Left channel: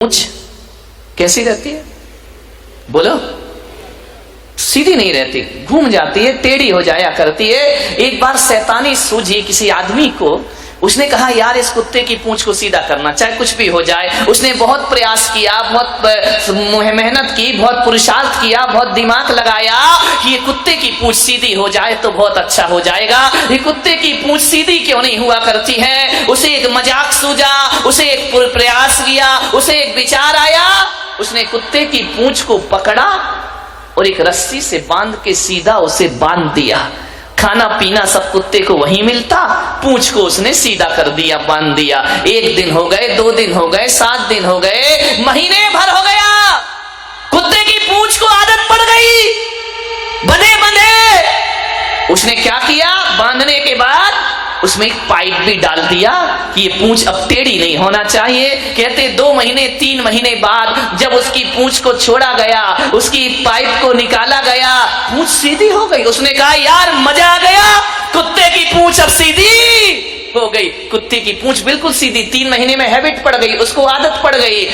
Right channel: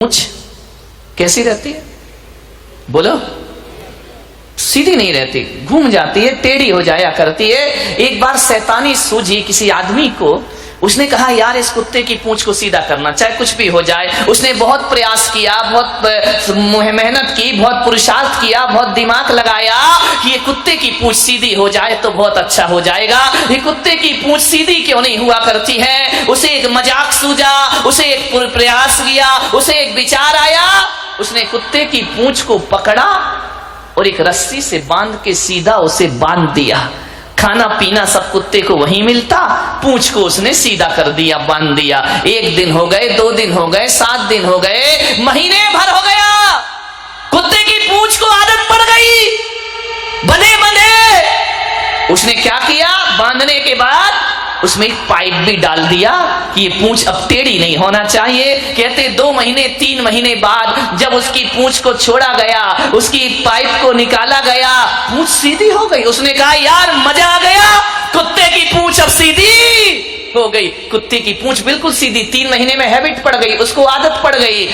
पूंछ कैसी रहती है? बोलो। सीधी नहीं रहती, घूम जाती है, टेढ़ी हो जाया करती है। एक बार शैतानी सूझी किसी आदमी को, उसने कहा यार इस कुत्ते की पूंछ को सीधा करना, चाहे कुछ भी हो जाए। उसने बहुत प्रयास किया, बहुत मेहनत की, बहुत पुरुषार्थ किया, बहुत दिमाग लगाया कि ये कुत्ते की पूंछ सीधी हो जाए तो बहुत अच्छा हो जाएगा। ये कुत्ते की पूंछ सीधी क्यों नहीं हुआ करती है? उसे एक मजाक सूझा, उसे एक प्रयास किया, उसे एक विचार आया। उसने कुत्ते की पूंछ को पकड़ा और एक रस्सी से बांध के सीधा उसे बांध दिया। खाना पीना सब कुत्ते को वहीं मिलता, पूंछ को उसने सीधा कर दिया, बांध दिया। 1 दिन हो गए, 2 दिन हो गए, 7 दिन हो गए, महीने भर हो गया। कुत्ते की पूंछ को आदत पड़ गई, बंधे बंधे। उसने क्या किया? बांधने के बाद उसमें एक पाइप भी डाल दिया कि ये पूंछ अब टेढ़ी नहीं होना चाहिए। कहते 2 महीने 3 महीने बाद जब उसकी पूंछ को छोड़ा गया, उसकी पाइप को निकाला गया, पूंछ सीधी हो गई। उसने कहा यार मजा आ गया, कुत्ते की पूंछ अब सीधी हो गई। कुत्ते की पूंछ बिल्कुल सीधी, 3 महीने में हैबिट पड़ गई, उसको आदत पड़ गई।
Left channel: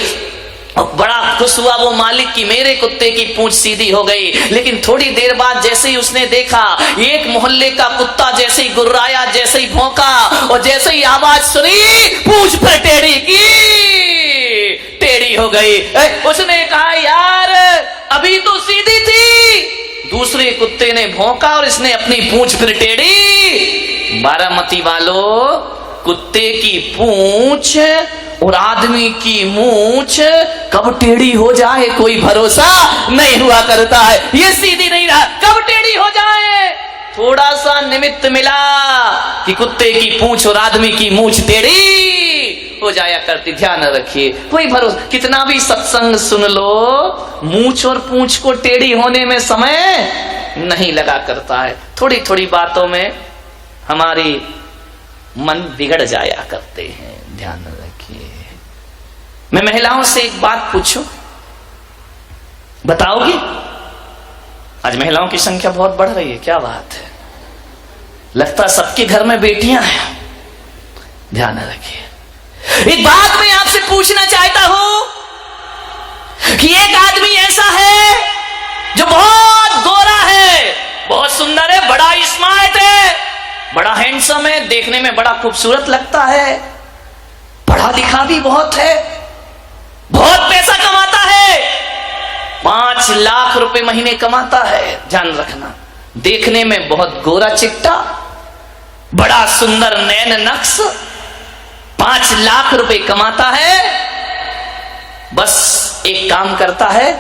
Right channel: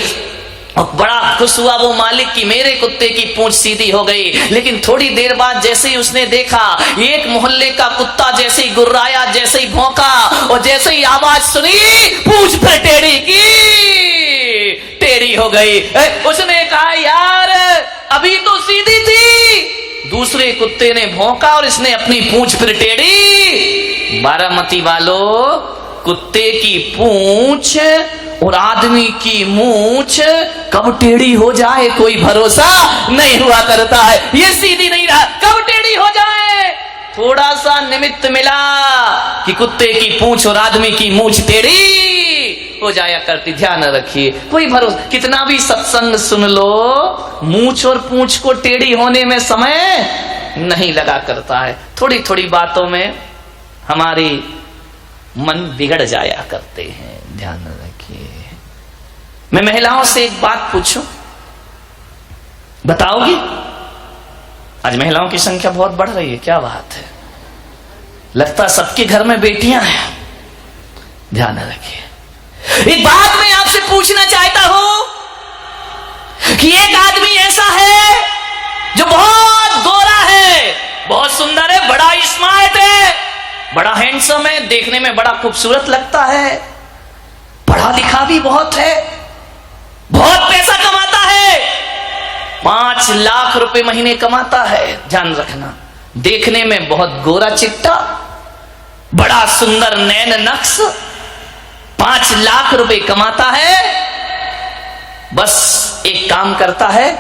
और बड़ा खुश हुआ वो मालिक कि मेरे कुत्ते की पूंछ सीधी हो गई। लेकिन थोड़ी देर बाद जैसे ही उसने देखा एक मोहल्ले का कुत्ता जैसे ही गुर्राया, जैसे ही भौंका और जैसे ही आवाज सुनी, पूंछ फिर टेढ़ी की, टेढ़ी हो गई। उसने कहा यार अभी तो सीधी थी। दूसरे कुत्ते ने भौंका और इसने अपनी पूंछ फिर टेढ़ी। बारामती वालों, कुत्ते की पूंछ और आदमी की मूंछ कब टेढ़ी हो जाए कोई भरोसा नहीं हुआ करता है। ये सीधी नहीं रहा, कब टेढ़ी हो जाए। थोड़ा सा निमित्त मिला कि कुत्ते की पूंछ और आदमी की मूंछ टेढ़ी हो जाया करती। ध्यान रखिए, कोई भरोसा, कितना भी सत्संग सुन लो, मूंछ और पूंछ को टेढ़ी होने में समय नहीं लगा करता है। थोड़ी थोड़ी बातों में हमारी मन बिगड़ जाया करते हैं। ध्यान रखिए। मैं महिलाओं से एक बात पूछूं, बताओगी? आज महिलाओं की संख्या बहुत बढ़ रही है, क्या बात है। लगता सबके घर में बेटियां हैं। ध्यान रखिए। एक बात मैं आपसे पूछना चाहता हूं कि एक आदमी ऐसा है जो बहुत गोरा है, बहुत सुंदर है, बड़ा स्मार्ट है, बड़ा हैंडसम है, देखने में बड़ा खूबसूरत लगता है, पढ़ा लिखा भी बहुत है, बहुत पैसा कमाता है, 5 लाख रुपए महीने कमाता है। ध्यान रखना, देखने में बहुत गोरा चिट्टा, बड़ा सुंदर नैन नक्श, 5 लाख रुपए कमाता है। बस एक काम करता है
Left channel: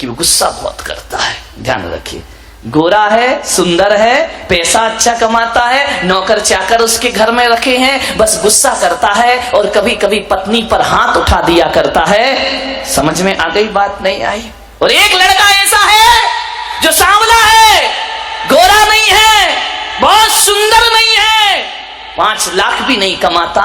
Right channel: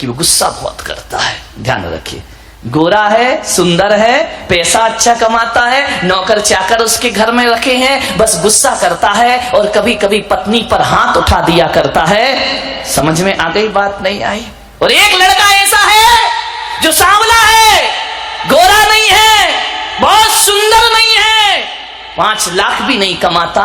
कि वो गुस्सा बहुत करता है। ध्यान रखिए, गोरा है, सुंदर है, पैसा अच्छा कमाता है, नौकर चाकर उसके घर में रखे हैं, बस गुस्सा करता है और कभी कभी पत्नी पर हाथ उठा दिया करता है। समझ में आ गई बात? नहीं आई? और एक लड़का ऐसा है जो सांवला है, गोरा नहीं है, बहुत सुंदर नहीं है, 5 लाख भी नहीं कमाता,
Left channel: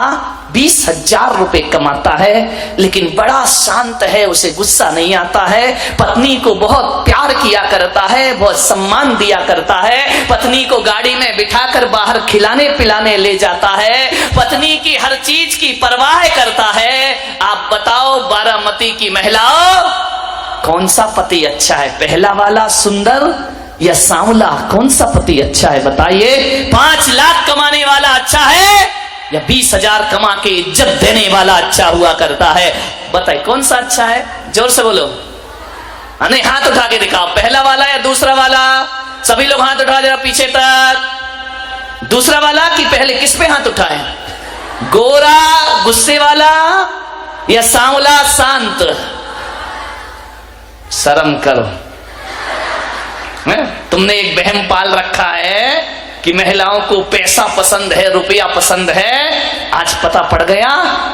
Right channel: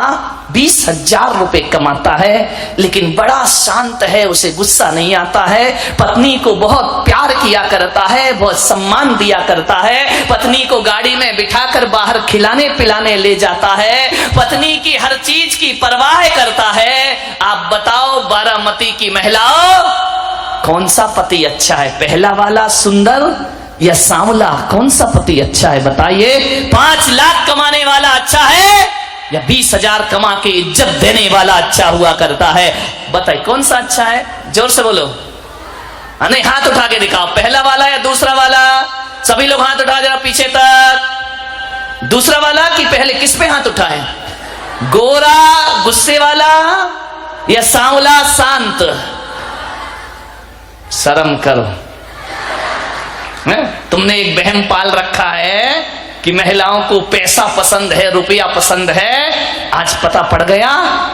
20,000 रुपए कमाता है, लेकिन बड़ा शांत है, उसे गुस्सा नहीं आता है, पत्नी को बहुत प्यार किया करता है, बहुत सम्मान दिया करता है, पत्नी को गाड़ी में बिठाकर बाहर खिलाने पिलाने ले जाता है, पत्नी की हर चीज की परवाह करता है। आप बताओ बारामती की महिलाओं, कौन सा पति अच्छा है? पहला वाला सुंदर या सांवला? कौन सा पति अच्छा है बताइए? 5 लाख कमाने वाला अच्छा है या 20,000 कमा के इज्जत देने वाला अच्छा हुआ करता है? बताइए कौन सा अच्छा है? जोर से बोलो। नहीं, हाथ उठा के दिखाओ, पहला वाला या दूसरा वाला? सभी लोग हाथ उठा जरा पीछे तक। दूसरा वाला कि पहले? किस पे हाथ उठाए? गोरा गुस्से वाला या सांवला शांत? शर्म करो। तुमने एक वहम पाल रखा है कि महिलाओं को पैसा पसंद है, रुपया पसंद है। आज पता पड़ गया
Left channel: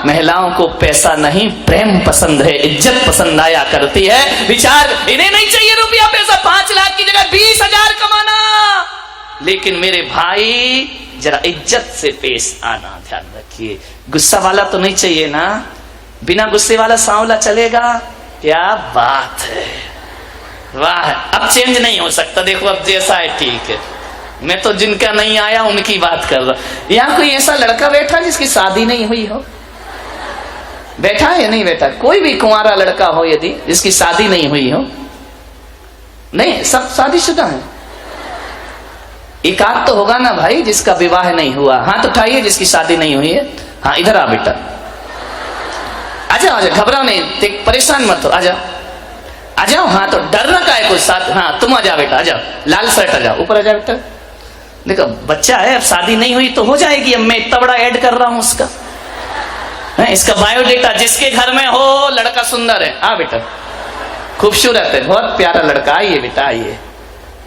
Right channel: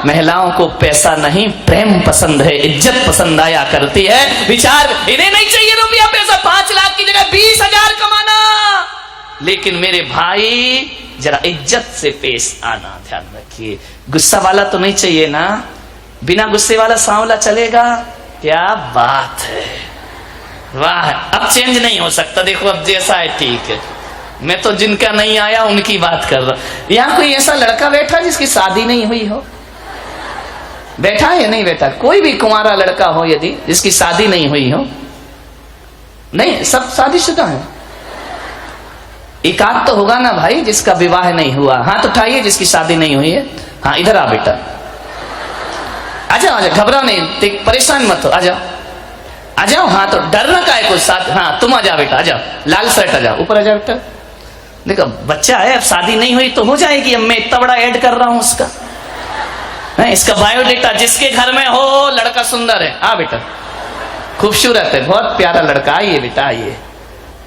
महिलाओं को पैसा नहीं, प्रेम पसंद है, इज्जत पसंद आया करती है। विचार, इन्हें नहीं चाहिए रुपया पैसा, 5 लाख की जगह 20,000 कमाना, लेकिन मेरे भाई जरा इज्जत से पेश आना। ध्यान रखिए, गुस्सा वाला तो नहीं चाहिए ना, बिना गुस्से वाला सांवला चलेगा? क्या बात है, वाह। अब चेंज नहीं हो सकता, देखो अब जैसा है ठीक है। मैं तो जिनका नहीं आया उनकी बात कर रहा। यहां कोई ऐसा लड़का बैठा जिसकी शादी नहीं हुई हो? बैठा है या नहीं बैठा? कोई भी कुंवारा लड़का हो यदि जिसकी शादी नहीं हुई हो, नहीं सब शादीशुदा है, एक आध तो होगा ना भाई जिसका विवाह नहीं हुआ। हाथ उठाइए जिसकी शादी नहीं हुई है। हाँ इधर आ बेटा, आजाओ आजाओ, घबराओ नहीं, परेशान मत हो, आजाओ आ जाओ। हाँ तो डरना का है कुछ साथ। हाँ तुम आ जाओ बेटा, आ जाओ, लाल शर्ट आ जाओ, ऊपर आ जाओ बेटा। देखो बच्चा है, अब शादी नहीं हुई तो हो जाएगी, अब मैं इतना बड़ा ऐड कर रहा हूं उसका है, इसका बायोडेटा। जिसके घर में हो लड़का सुंदर है, हाँ बेटा खूबसूरत है, बहुत प्यारा लड़का, आइए बेटा आइए।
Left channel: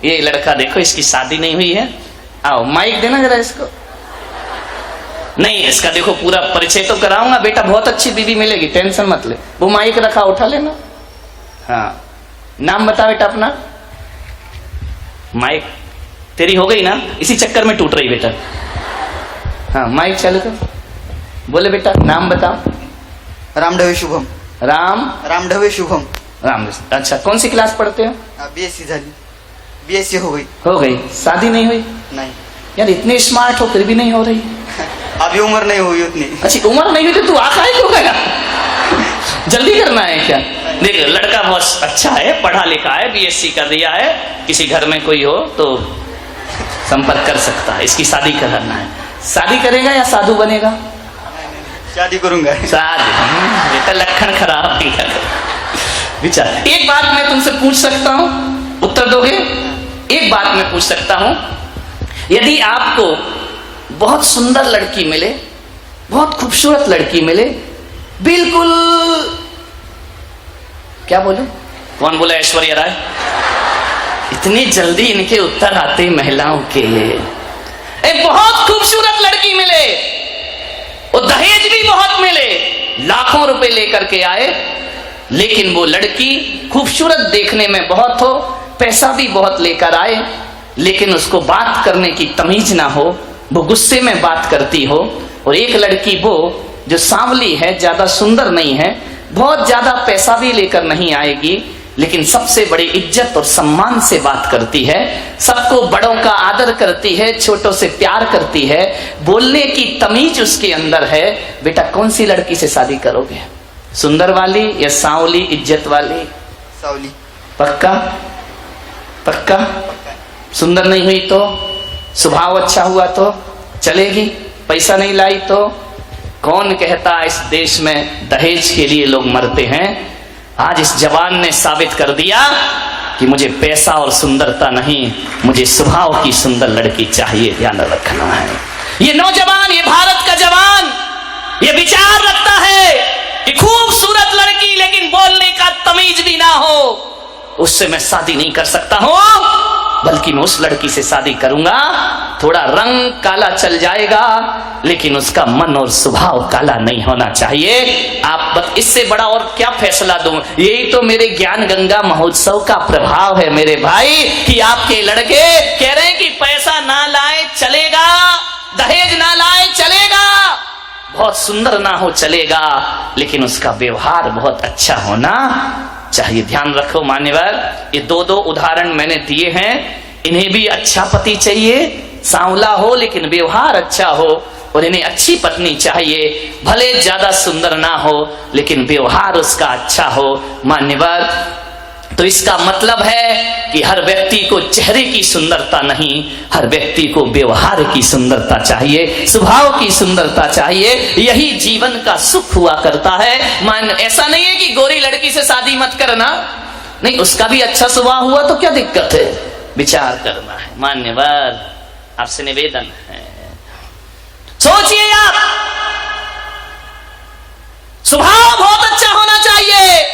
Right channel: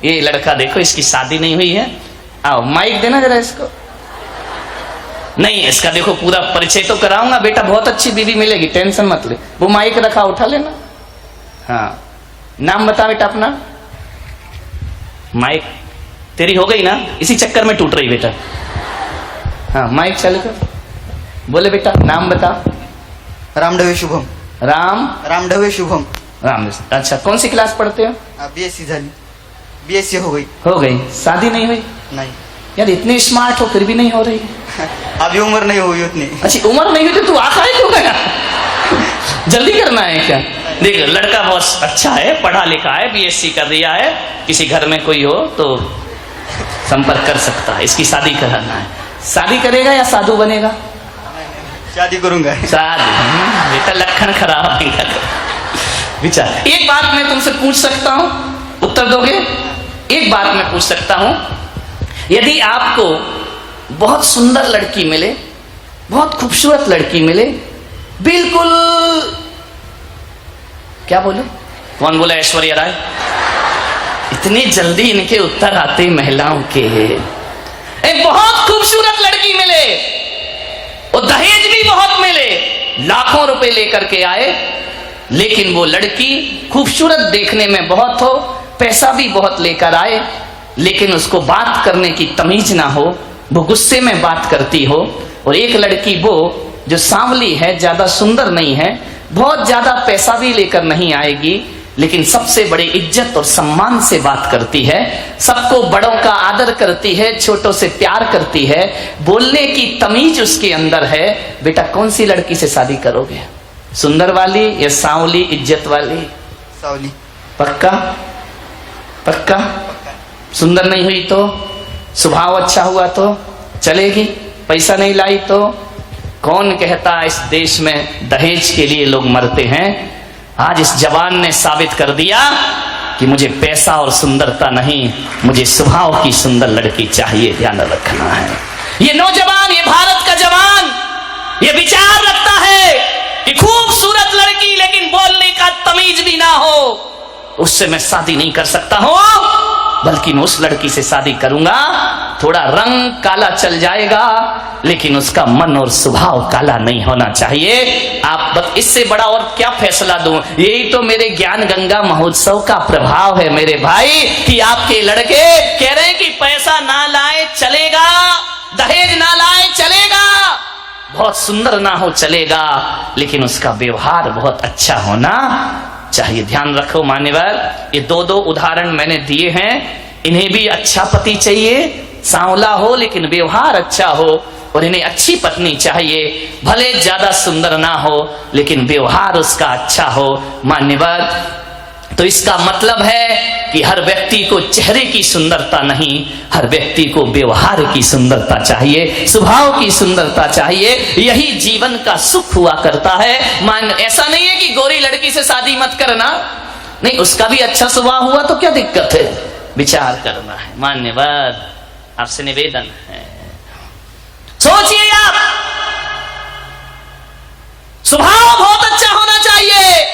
ये लड़का देखो इसकी शादी नहीं हुई है, आओ माइक देना जरा इसको। नहीं इसका देखो पूरा परिचय तो कराऊंगा बेटा, बहुत अच्छी बीवी मिलेगी, टेंशन मत ले। वो माइक रखा, उठा लेना। हाँ नाम बता बेटा अपना। माइक तेरी हो गई ना, इसी चक्कर में टूट रही बेटा। हाँ माइक चालू कर, बोले बेटा नाम बता। रामढवे शुभम। रामढवे शुभम। राम। अच्छा कौन सी क्लास पढ़ते हो? बीएससी झाली, बीएससी हो गई। हो गई, शादी नहीं हुई? नहीं। यार इतने स्मार्ट हो फिर भी नहीं हो रही। अभी उम्र नहीं हुई उतनी। अच्छी उम्र नहीं हुई तो तू आका है क्यों गया? जल्दी करना है क्या? देख लड़का बहुत अच्छा है, पढ़ा लिखा है, बीएससी कर दिया है, किसी घर में कोई हो तो संपर्क कर सकता है, इसकी शादी कराना है। शादी करेगा या साधु बनेगा? शादी करूंगा। शादी बेटा लक्षण खराब नहीं कर विचार। एक बात मैं तुमसे पूछ सकता हूं, उत्तर दोगे? एक बात मैं पूछ सकता हूं, यदि आपको बहुत सुंदर लड़की मिले, बहुत खूबसूरत लड़की मिले, बिल्कुल क्या बोले? कौन बोला? ऐश्वर्या राय। इतनी जल्दी इनके उत्तर आते महिलाओं के। एक बहुत खूबसूरत लड़की मिले और दहेज भी बहुत मिले, लाखों रुपए लेकर के आए, लेकिन वो लड़की खूबसूरत देखने में बहुत हो, पैसा भी बहुत लेकर आए, लेकिन उसको बात करने की तमीज ना हो, वो गुस्से में बात करती हो। और एक लड़की वो जो सांवली है, ज्यादा सुंदर नहीं है, बहुत ज्यादा पैसा भी लेकर नहीं आएगी, लेकिन सबसे बड़ी इज्जत और सम्मान से बात करती है, सबको बड़ों का आदर करती है, छोटों से प्यार करती है, बोलने की तमीज उसके अंदर है। बेटा कौन सी लड़की से शादी करोगे? सुंदर वाली या सांवली इज्जत वाली? सांवली। पक्का? पक्का? सुंदर नहीं हुई तो? स्वभाव अच्छा हुआ तो चलेगी? पैसा नहीं लाई तो? कौन कहता इस देश में दहेज के लिए लोग मरते हैं? आज इस जवान ने साबित कर दिया कि मुझे पैसा और सुंदरता नहीं, मुझे स्वभाव की सुंदर लड़की चाहिए। ध्यान रखना है। ये नौजवान, ये भारत का जवान, ये विचार रखता है कि खूबसूरत लड़की लेकिन बोलने का तमीज भी ना हो, उससे मैं शादी नहीं कर सकता हूं, बल्कि मैं उस लड़की से शादी करूंगा, थोड़ा रंग काला चल जाएगा लेकिन उसका मन और स्वभाव काला नहीं होना चाहिए। आप बस इससे बड़ा और क्या फैसला दूं? यही तो मेरे ज्ञान गंगा महोत्सव का प्रभाव है मेरे भाई, कि आपके लड़के कह रहे हैं कि पैसा ना लाए चलेगा, दहेज ना लाए चलेगा, बहुत सुंदर ना हो चलेगा, लेकिन उसका व्यवहार बहुत अच्छा होना चाहिए। ध्यान रखो मान्यवर, ये दो उदाहरण मैंने दिए हैं, इन्हें भी अच्छा पति चाहिए, सांवला हो लेकिन व्यवहार अच्छा हो, और इन्हें अच्छी पत्नी चाहिए, भले ज्यादा सुंदर ना हो लेकिन व्यवहार उसका अच्छा हो। मान्यवर, तो इसका मतलब है कि हर व्यक्ति को चेहरे की सुंदरता नहीं, हर व्यक्ति को व्यवहार की सुंदरता चाहिए, स्वभाव की सुंदरता चाहिए, यही जीवन का सुख हुआ करता है। मान ऐसा नहीं है कि गोरी लड़की से शादी मत करना, नहीं, उसका भी अच्छा स्वभाव हुआ तो क्या दिक्कत है, विचार करना है। मान्यवर, आपसे निवेदन है, सोचिए आप, स्वभाव बहुत अच्छा होना चाहिए।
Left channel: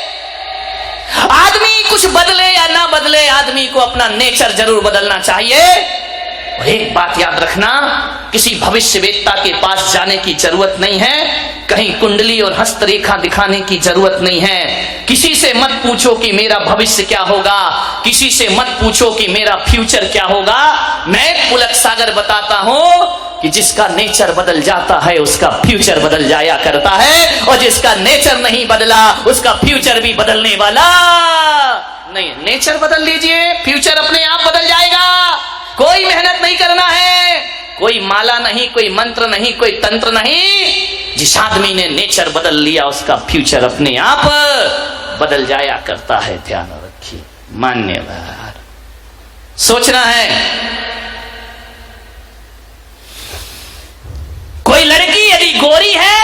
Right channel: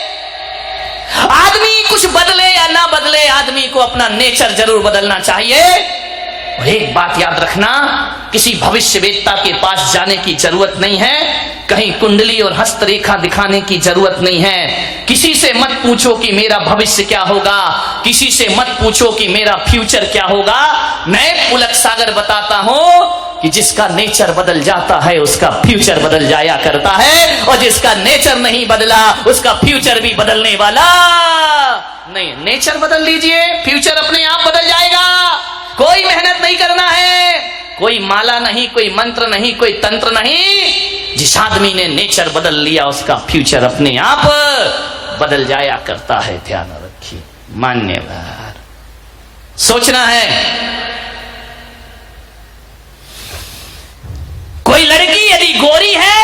आदमी कुछ बदले या ना बदले, आदमी को अपना नेचर जरूर बदलना चाहिए। और एक बात याद रखना, किसी भविष्यवेत्ता के पास जाने की जरूरत नहीं है, कहीं कुंडली और हस्तरेखा दिखाने की जरूरत नहीं है, किसी से मत पूछो कि मेरा भविष्य क्या होगा, किसी से मत पूछो कि मेरा फ्यूचर क्या होगा। मैं पुलक सागर बताता हूं कि जिसका नेचर बदल जाता है उसका फ्यूचर बदल जाया करता है, और जिसका नेचर नहीं बदला उसका फ्यूचर भी बदलने वाला नहीं। नेचर बदल लीजिए, फ्यूचर अपने आप बदल जाएगा, कोई मेहनत नहीं करना है, कोई माला नहीं, कोई मंत्र नहीं, कोई तंत्र नहीं। जिस आदमी ने नेचर बदल लिया उसका फ्यूचर अपने आप बदल जाया करता है। ध्यान रखिए। मान्यवर सोचना है। कोई लड़की यदि गोरी है,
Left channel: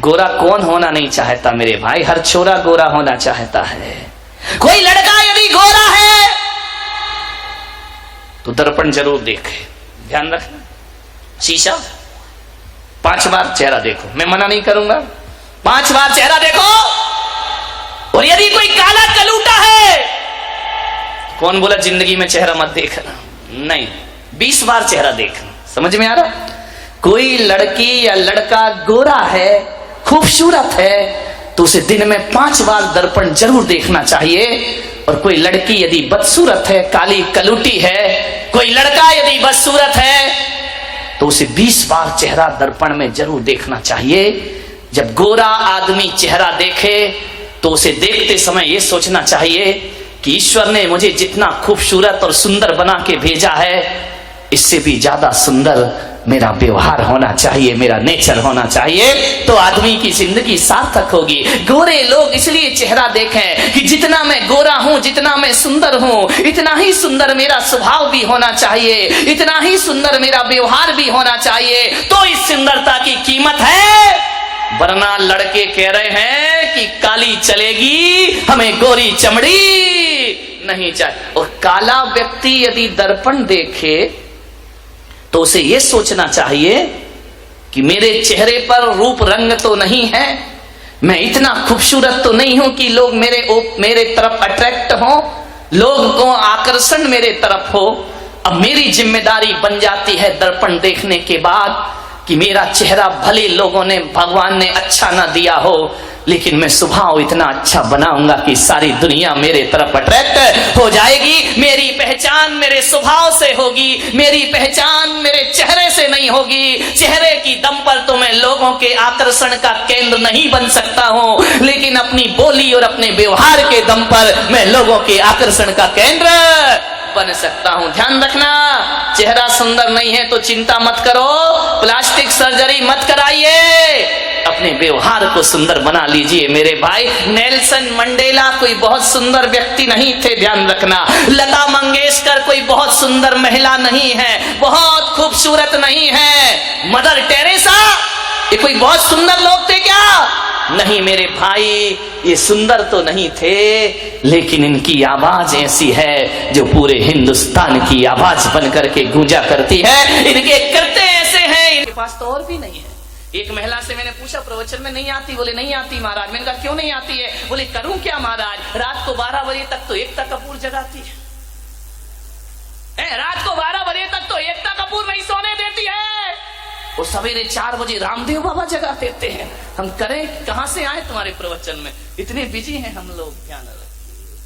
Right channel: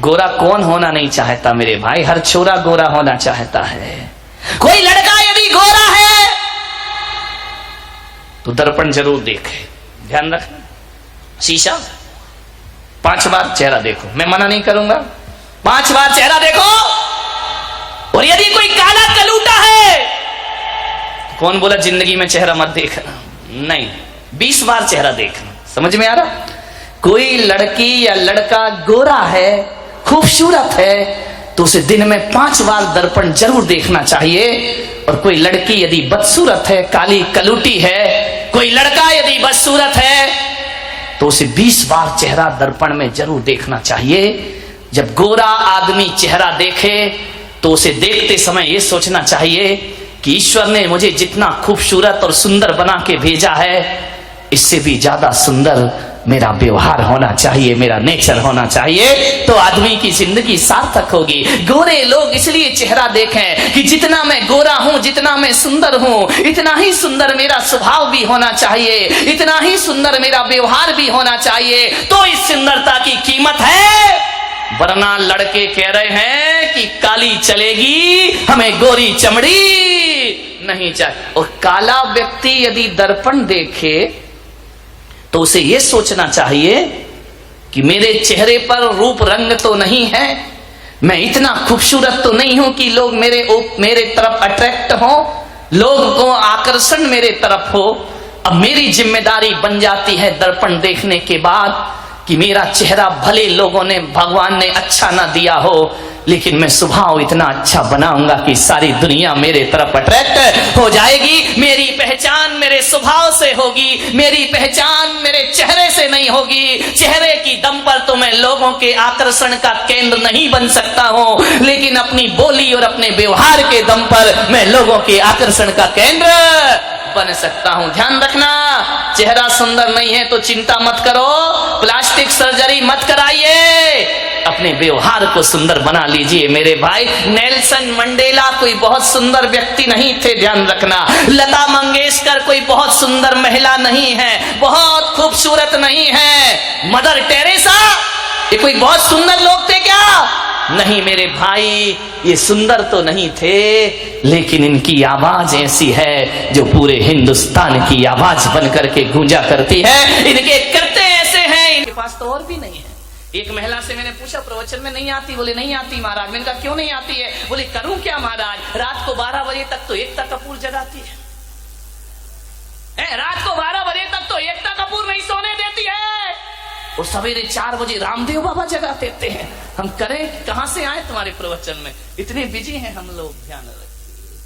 गोरा कौन होना नहीं चाहता मेरे भाई? हर छोरा गोरा होना चाहता है। कोई लड़का यदि गोरा है तो दर्पण जरूर देखे। ध्यान रखना, शीशा 5 बार चेहरा देखो। मैं मना नहीं करूंगा, 5 बार चेहरा देखो। और यदि कोई काला कलूटा है तो कौन बोला जिंदगी में चेहरा मत देखना? नहीं, 20 बार चेहरा देखना। समझ में आ रहा? कोई लड़की या लड़का गोरा है, खूबसूरत है, तो उसे दिन में 5 बार दर्पण जरूर देखना चाहिए। और कोई लड़की यदि बदसूरत है, काली कलूटी है, कोई लड़का यदि बदसूरत है, तो उसे 20 बार चेहरा दर्पण में जरूर देखना चाहिए। जब गोरा आदमी चेहरा देखे तो उसे देखते समय यह सोचना चाहिए कि ईश्वर ने मुझे जितना खूबसूरत और सुंदर बना के भेजा है, इससे भी ज्यादा सुंदर मेरा व्यवहार होना चाहिए, मेरा नेचर होना चाहिए, तो आदमी की जिंदगी सार्थक होगी। गोरे लोग इसलिए चेहरा देखें कि जितना मैं गोरा हूं, जितना मैं सुंदर हूं, इतना ही सुंदर मेरा स्वभाव भी होना चाहिए, इतना ही सुंदर मेरा व्यवहार भी होना चाहिए, तो इस सुंदरता की कीमत है। वरना लड़के कह रहे हैं कि काली चलेगी, हमें गोरी चमड़ी नहीं चाहिए। और काला व्यक्ति यदि दर्पण देखे तो उसे यह सोचना चाहिए कि मेरे चेहरे पर रूप रंग तो नहीं है, मैं इतना खूबसूरत तो नहीं हूं कि लोग मेरे तरफ अट्रैक्ट हो, लोग को आकर्षण मेरे तरफ हो। अब मेरी जिम्मेदारी बन जाती है दर्पण देखने के बाद कि मेरा चेहरा भले लोगों ने, भगवान ने अच्छा ना दिया हो, लेकिन मैं स्वभाव इतना अच्छा बनाऊंगा कि सारी दुनिया मेरे तरफ अट्रैक्ट हो जाएगी। मेरी पहचान मेरे स्वभाव से होगी, मेरी पहचान मेरे चेहरे से नहीं होगी। चेहरे की दम पर तो मैं लोगों के आकर्षण का केंद्र नहीं बन सकता हूं, लेकिन अपनी बोली और अपने व्यवहार के दम पर मैं लोगों के आकर्षण का केंद्र बन सकता हूं। ध्यान रखना, चेहरा सुंदर नहीं है तो चिंता मत करो, प्लास्टिक सर्जरी मत कराइए, अपने व्यवहार को सुंदर बना लीजिए मेरे भाई। नेल्सन मंडेला कोई बहुत सुंदर व्यक्ति नहीं थे, ध्यान रखना। लता मंगेशकर कोई बहुत सुंदर महिला नहीं है, बहुत खूबसूरत नहीं है। मदर टेरेसा ये कोई बहुत सुंदर लोग थे क्या? नहीं मेरे भाई, ये सुंदर तो नहीं थे, लेकिन इनकी आवाज ऐसी है जो पूरे हिंदुस्तान की आवाज बन करके गूंजा करती है। इनके करते ऐसे हैं, इनके पास तो और भी नहीं है। एक महिला से मैंने पूछा, प्रवचन में नहीं आती? बोले नहीं आती महाराज। मैंने कहा क्यों नहीं आती है? बोले करूं क्या महाराज, रात को 12 बजे तक तो एकता कपूर जगाती है। रात को 12 बजे तक तो एकता कपूर नहीं सोने देती है, और सवेरे 4 बजे रामदेव बाबा जगा देते हैं। हम करें कहां से आए तुम्हारे प्रवचन में? इतने बिजी हैं हम लोग। ध्यान रखिए,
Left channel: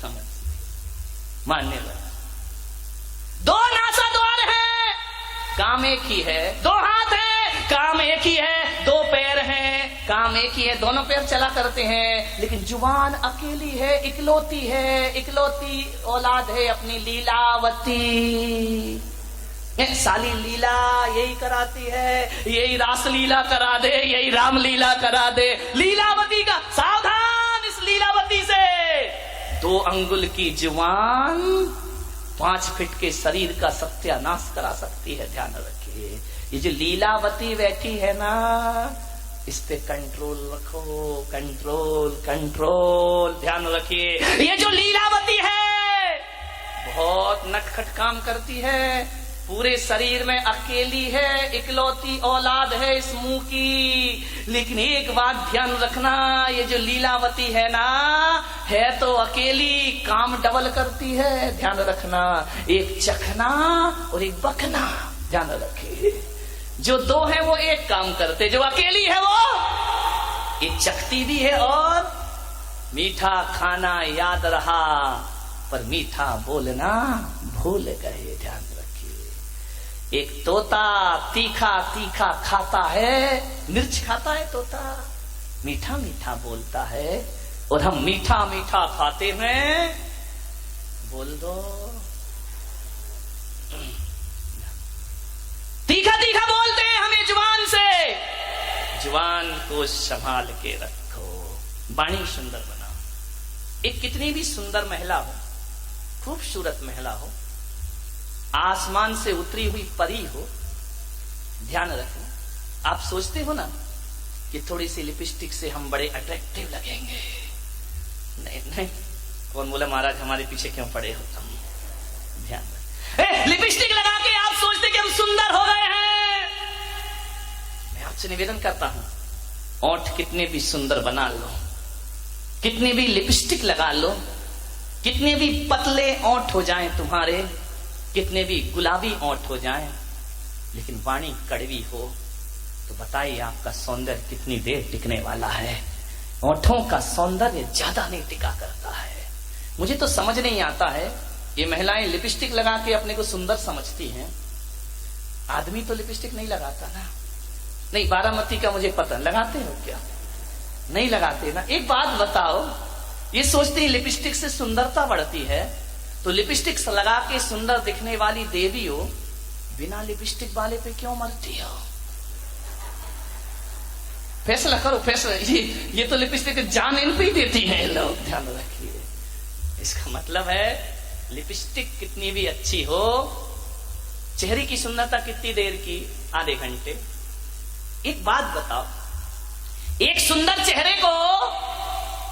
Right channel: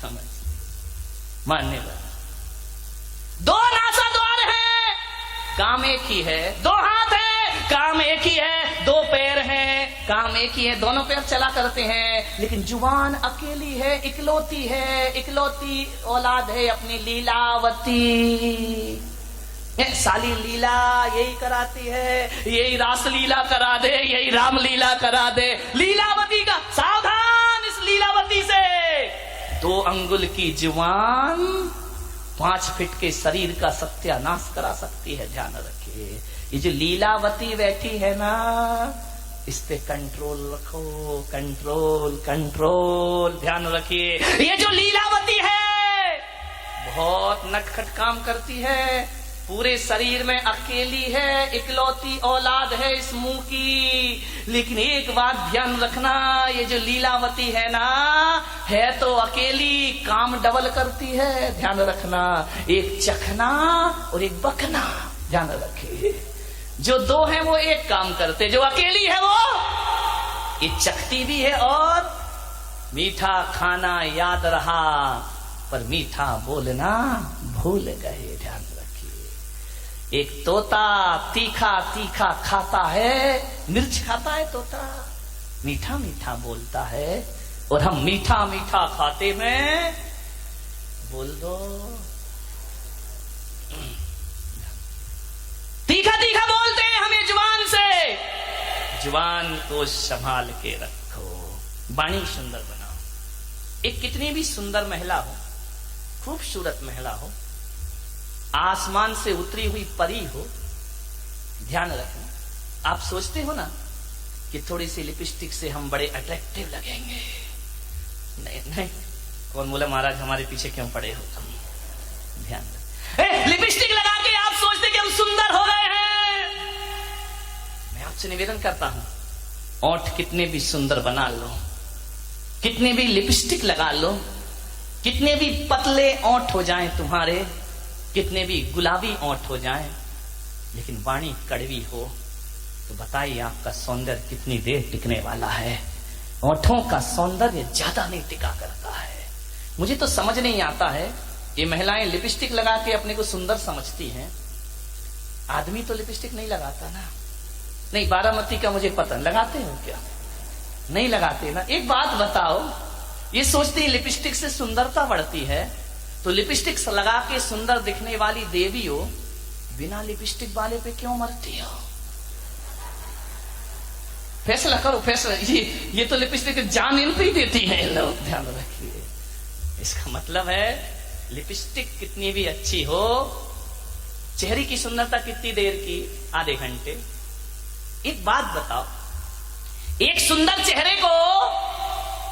समझ मानने वाला। 2 नासा द्वार है, काम एक ही है। 2 हाथ है, काम एक ही है। 2 पैर हैं, काम एक ही है, दोनों पैर चला करते हैं। लेकिन जुबान अकेली है, इकलौती है, इकलौती औलाद है अपनी लीलावती। साली लीला यही कराती है, यही रास लीला करा दे, यही राम लीला करा दे। लीलावती का सावधान, इस लीलावती से। 2 अंगुल की जुबान 5 फीट के शरीर का सत्यानाश करा सकती है। ध्यान रखिए, ये जो लीलावती बैठी है ना, इस पे कंट्रोल रखो, कंट्रोल कंट्रोल। ध्यान रखिए, ये जो लीलावती है बहुत नटखट काम करती है, पूरे शरीर में अकेली है, इकलौती औलाद है इस मुंह की। लेकिन एक बात ध्यान रखना, ये जो लीलावती है ना, है तो अकेली, काम डबल करती है। ध्यान रखना, एक चखना और एक बकना। ध्यान रखिए, जो 2 है वो एक काम करते, जो अकेली है वो ये चखती भी है। और मीठा खाना याद रहा पर मीठा बोलना भूल गए। ध्यान रखिए, एक तोता तीखा तीखा खाता है, मिर्च खाता है तोता, मीठा मीठा बोलता है। और हम मीठा मीठा खाते में बोल दो तीखा तीखा बोलते हैं हमें जुबान से। जुबान को संभाल के रखो, वाणी सुंदर बनाओ। एक कितनी भी सुंदर महिला हो, खूबसूरत महिला हो, आसमान से उतरी हुई परी हो, ध्यान रखना। आप सोचते हो ना कि थोड़ी सी लिपस्टिक से हम बड़े अट्रैक्टिव लगेंगे। नहीं नहीं, कौन बोला महाराज हमारे पीछे क्यों पड़े हो तुम? ध्यान रख, लिपस्टिक लगा के आप सोचते कि हम सुंदर हो गए हैं। मैं आपसे निवेदन करता हूं, ओंठ कितने भी सुंदर बना लो, कितने भी लिपस्टिक लगा लो, कितने भी पतले ओंठ हो जाएं तुम्हारे, कितने भी गुलाबी ओंठ हो जाएं, लेकिन वाणी कड़वी हो तो बताइए आपका सौंदर्य कितनी देर टिकने वाला है? ओंठों का सौंदर्य ज्यादा नहीं टिका करता है। मुझे तो समझ नहीं आता है, ये महिलाएं लिपस्टिक लगा के अपने को सुंदर समझती हैं, आदमी तो लिपस्टिक नहीं लगाता ना। नहीं, बारामती का मुझे पता, लगाते हो क्या? नहीं लगाते ना। एक बात बताओ, ये सोचती लिपस्टिक से सुंदरता बढ़ती है, तो लिपस्टिक लगा के सुंदर दिखने वाली देवी हो, बिना लिपस्टिक वाले पे क्यों मरती हो? फैसला करो, फैसला। ये तो लिपस्टिक जान इन पे ही देती है लोग, ध्यान रखिए। इसका मतलब है लिपस्टिक कितनी भी अच्छी हो, चेहरे की सुंदरता कितनी देर की? आधे घंटे। एक बात बताओ, एक सुंदर चेहरे को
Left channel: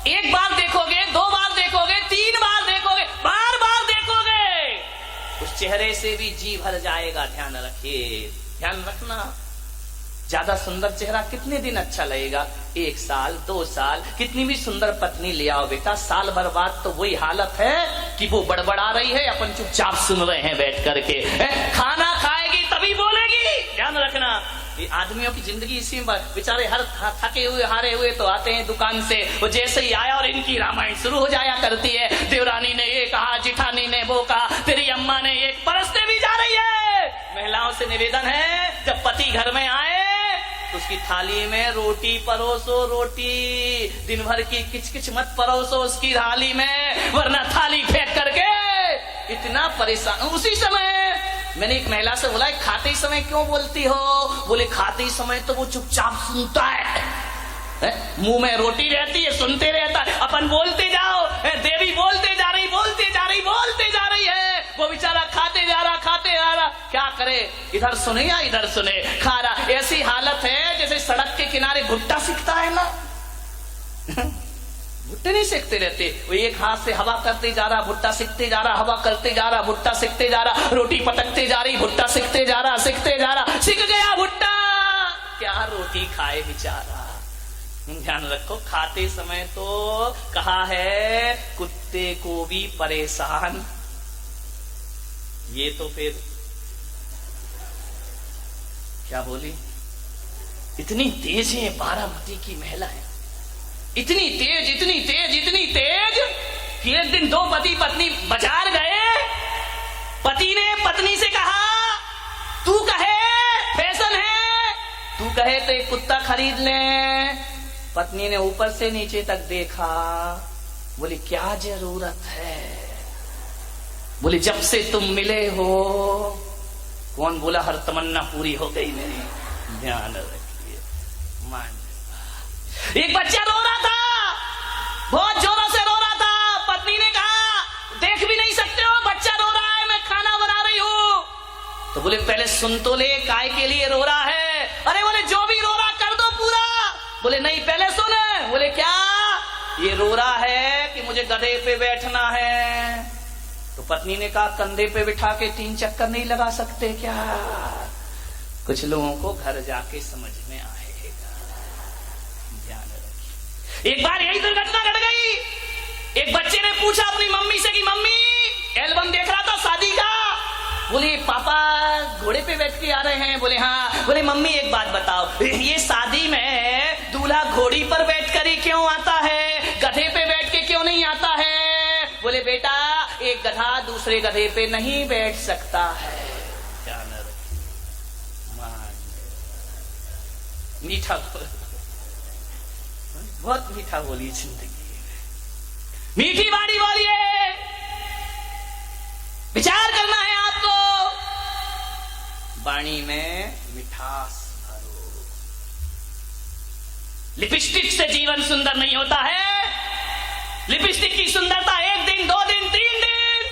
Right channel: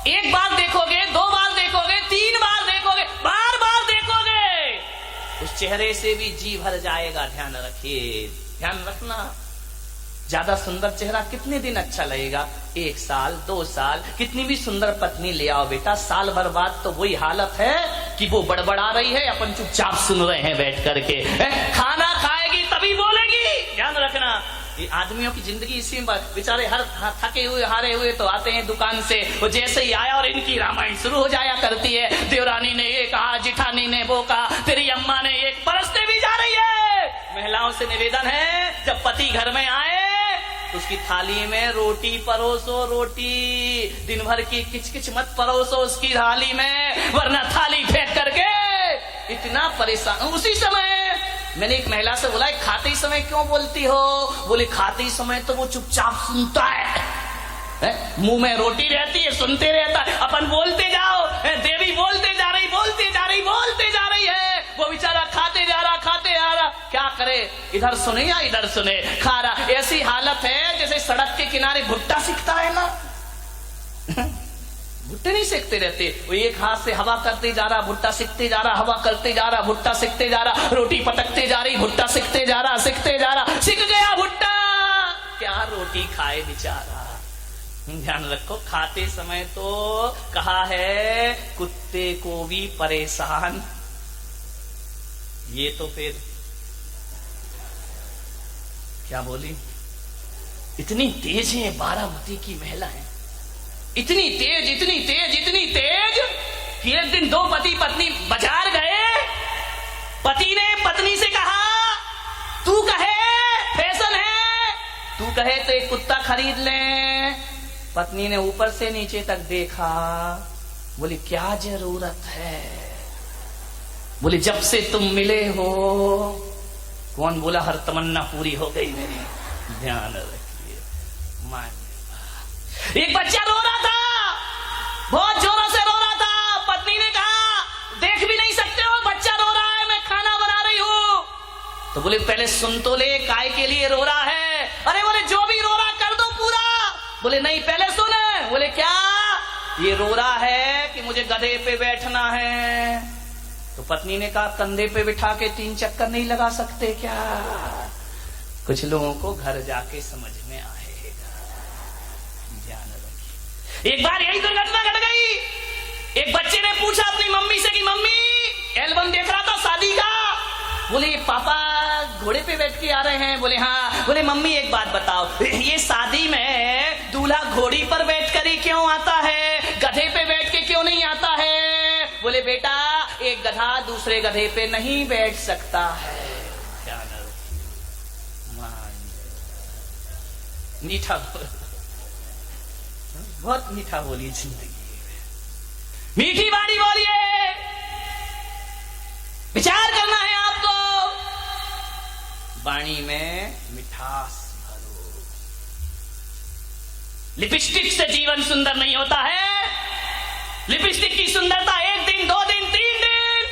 एक बार देखोगे, दो बार देखोगे, तीन बार देखोगे, बार बार देखोगे, उस चेहरे से भी जी भर जाएगा। ध्यान रखिए, ध्यान रखना। ज्यादा सुंदर चेहरा कितने दिन अच्छा लगेगा? 1 साल, 2 साल। कितनी भी सुंदर पत्नी ले आओ बेटा, साल भर बाद तो वही हालत है कि वो बड़बड़ा रही है, अपन चुपचाप सुन रहे हैं बैठ करके। खाना खाएगी तभी बोलेगी। ध्यान रखना, ये आदमियों की जिंदगी इसी में। बेचारे हर थके हुए हारे हुए तो आते हैं दुकान से, वो जैसे ही आया और इनकी रामायण शुरू हो जाया करती है। देवरानी ने ये कहा, जिठानी ने वो कहा, तेरी अम्मा ने ये, परसते भी जा रही है। महिलाओं से निवेदन है, जब पति घर में आए तो उसकी थाली में रोटी परोसो, रोटी। दिन भर की किचकिच मत परोसो उसकी थाली में, वरना थाली फेंक करके इतना परेशान। उसी समय मैंने एक महिला से बोला, खाते समय क्यों बोलती हो? बोले खाते समय तो वो चुपचाप सुनता है, मुंह में रोटी रहती है, सुनते रहता है, अपन बोलते जाओ, देवी बोलते जा रही, बोलते जा रही, बोलते जा रही है, वो बेचारा खाते जा रहा, खाते जा रहा। क्या करे, इधर सुने या इधर सुने, खा रहा। ऐसी हालत है जैसे सड़क के किनारे भुट्टा सिकता है ना, भुट्टे नहीं सेकते रहते, वो एक हाथ से हवा करते जा रहा, भुट्टा सिकते जा रहा, हवा करते जा रहा, भुट्टा सिकते जा रहा, रोटी पटकते जा रही, भुट्टा सिकते जा रहा, सिकते जा रहा, सिक गया भुट्टा। क्या रोटी खाए बेचारा। ध्यान रखो, खाते समय तो कहा है कुत्ते को भी परेशान। ये तो फिर क्या बोली, इतनी तेज है बारामती की महिलाएं, इतनी तेज, इतनी तेज, इतनी तेज कि एक दिन 2 पति पत्नी बाजार गए। पति ने पत्नी से कहा, तू कहे फैशन है, तू कहे तो एक कुत्ता खरीद ले। पत्नी ने ऊपर से नीचे तक देखा, बोली क्या जरूरत है? बोले जब से तुम मिले हो। कौन बोला हर तमन्ना पूरी हो गई मेरी? ध्यान रखिए। मान एक बच्चा रो रहा था, बहुत जोरों से रो रहा था। पत्नी ने कहा देख भी नहीं सकते हो, बच्चा रो रहा है, मैं खाना बना रही हूं। तो बोले पहले सुन तो ले, काय के लिए रो रहा है? अरे बोले जो भी रो रहा कर दो पूरा। बोले नहीं पहले सुन। बोले क्या? ये रो रहा है कि मुझे गधे पे बैठना है। तो पत्नी ने कहा कंधे पे बिठा के 3 चक्कर नहीं लगा सकते क्या? कुछ लोगों को घर जाके समझ में आएगा। ध्यान रखिए। एक बार यही दुर्घटना घट गई। एक बच्चे ने पूछा अपनी मम्मी से कि मम्मी एल्बम देख रहा था शादी का। बोले पापा घोड़े पे बैठ के आ रहे हैं। बोले हाँ। बोले मम्मी एक बात बताओ, ये शादी में दूल्हा घोड़ी पर बैठ कर ही क्यों आता है, गधे पे बैठ के क्यों नहीं आता है? बोले बेटा एक गधा दूसरे गधे पे नहीं बैठ सकता है। मीठा बहुत मीठा बोली जिंदगी, मीठी बाड़ी बोलिए। विचार करना है आपको। वाणी में मिठास भरो। लिपस्टिक से जीवन सुंदर नहीं होता है। लिपस्टिक की सुंदरता 1 दिन, 2 दिन, 3 दिन,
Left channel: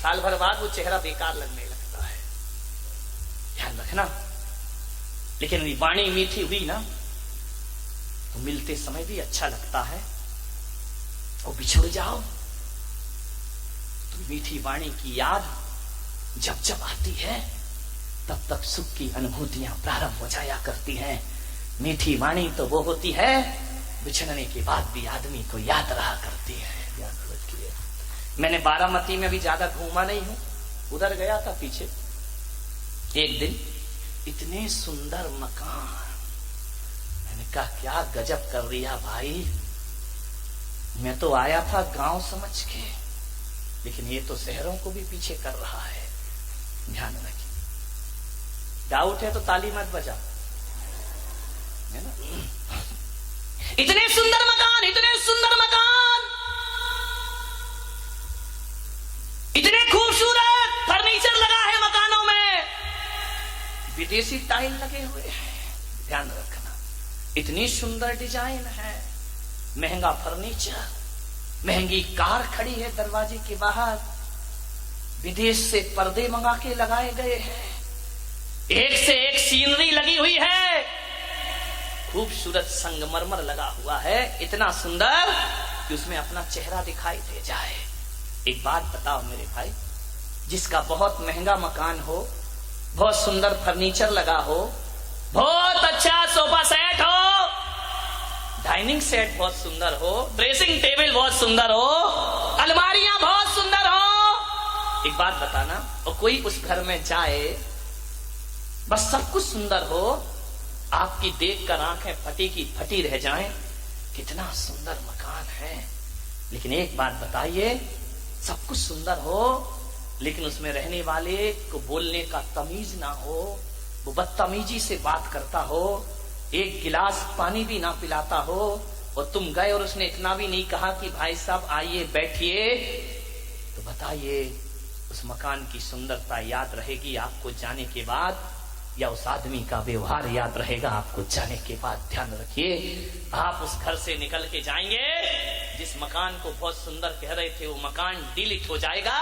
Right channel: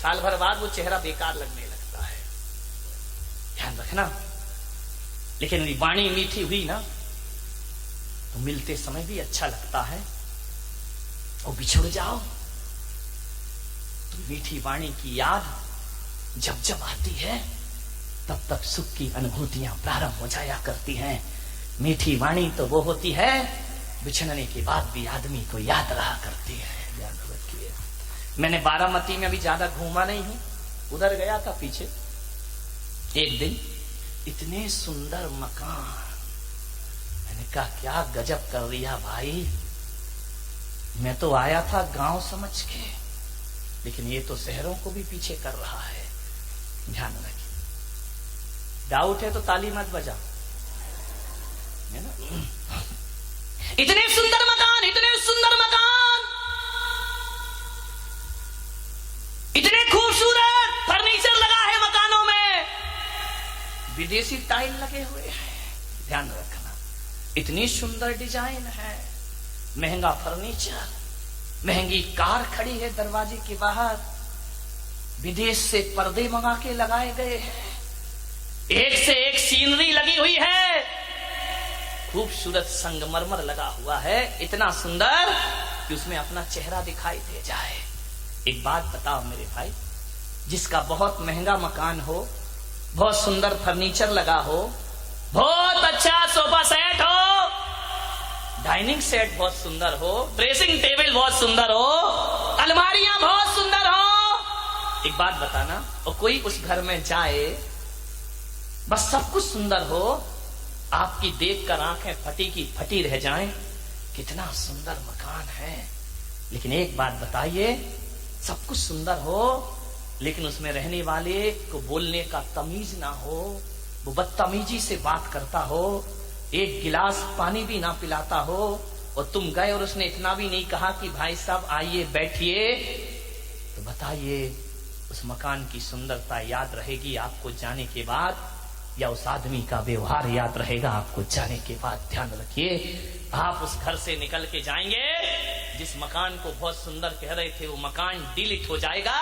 साल भर बाद वो चेहरा बेकार लगने लगता है। ध्यान रखना। लेकिन वाणी मीठी हुई ना तो मिलते समय भी अच्छा लगता है, और बिछुड़ जाओ तो मीठी वाणी की याद जब जब आती है तब तब सुख की अनुभूतियां प्रारंभ हो जाया करती हैं। मीठी वाणी तो वो होती है बिछड़ने के बाद भी आदमी को याद रहा करती है। याद रखिए। मैंने बारामती में भी ज्यादा घूमा नहीं हूं, उधर गया था पीछे। एक दिन इतने सुंदर मकान, मैंने कहा क्या गजब कर दिया भाई। मैं तो आया था गांव समझ के, लेकिन ये तो शहरों को भी पीछे कर रहा है। ध्यान रखिए। डाउट है तो ताली मत बजा, है ना। इतने सुंदर मकान, इतने सुंदर मकान, इतने खूबसूरत फर्नीचर लगा है मकानों में, विदेशी टाइल लगे हुए हैं। ध्यान रखना। इतनी सुंदर डिजाइन है, महंगा फर्नीचर, महंगी कार खड़ी है दरवाजे के बाहर, विदेश से पर्दे मंगा के लगाए गए हैं, एक से एक सीनरी लगी हुई है, खूबसूरत संगमरमर लगा हुआ है, इतना सुंदर कि उसमें अपना चेहरा दिखाई दे जाए। एक बात बताओ मेरे भाई, जिसका बहुत महंगा मकान हो, बहुत सुंदर फर्नीचर लगा हो, बहुत अच्छा सोफा सेट हो, डाइनिंग सेट बहुत सुंदर हो, ड्रेसिंग टेबल बहुत सुंदर हो, अलमारियां बहुत सुंदर हो, एक बात बताना, और कोई उस घर में जाए, बस सब कुछ सुंदर हो, आपकी देखकर आंखें फटी की फटी रह जाएं, कितना सुंदर मकान है। लेकिन एक बात बताइए, सब कुछ सुंदर हो लेकिन उसमें रहने वाले को बोलने का तमीज ना हो, वो बदतमीजी से बात करता हो, एक गिलास पानी भी ना पिलाता हो, और तुम गए और उसने इतना भी नहीं कहा कि भाई साहब आइए बैठिए, तो बताइए उस मकान की सुंदरता याद रहेगी आपको जाने के बाद, या उस आदमी का व्यवहार याद रहेगा आपको जाने के बाद। ध्यान रखिए। आप उस घर से निकल के जाएंगे, जिस मकान को बहुत सुंदर कह रहे थे वो मकान डिलीट हो जाएगा,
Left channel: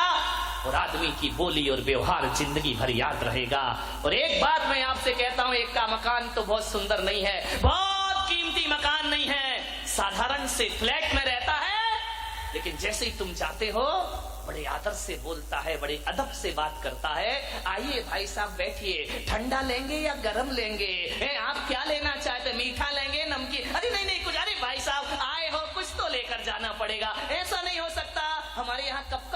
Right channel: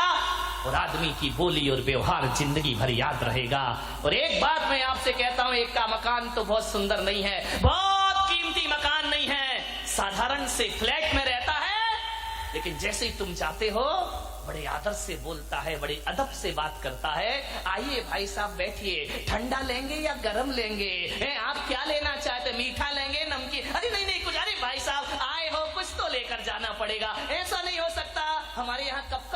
और आदमी की बोली और व्यवहार जिंदगी भर याद रहेगा। और एक बात मैं आपसे कहता हूं, एक का मकान तो बहुत सुंदर नहीं है, बहुत कीमती मकान नहीं है, साधारण से फ्लैट में रहता है, लेकिन जैसे ही तुम जाते हो बड़े आदर से बोलता है, बड़े अदब से बात करता है। आइए भाई साहब बैठिए, ठंडा लेंगे या गरम लेंगे, आप क्या लेना चाहते, मीठा लेंगे नमकीन, अरे नहीं नहीं कुछ, अरे भाई साहब आए हो कुछ तो लेकर जाना पड़ेगा, ऐसा नहीं हो सकता, हमारे यहाँ कब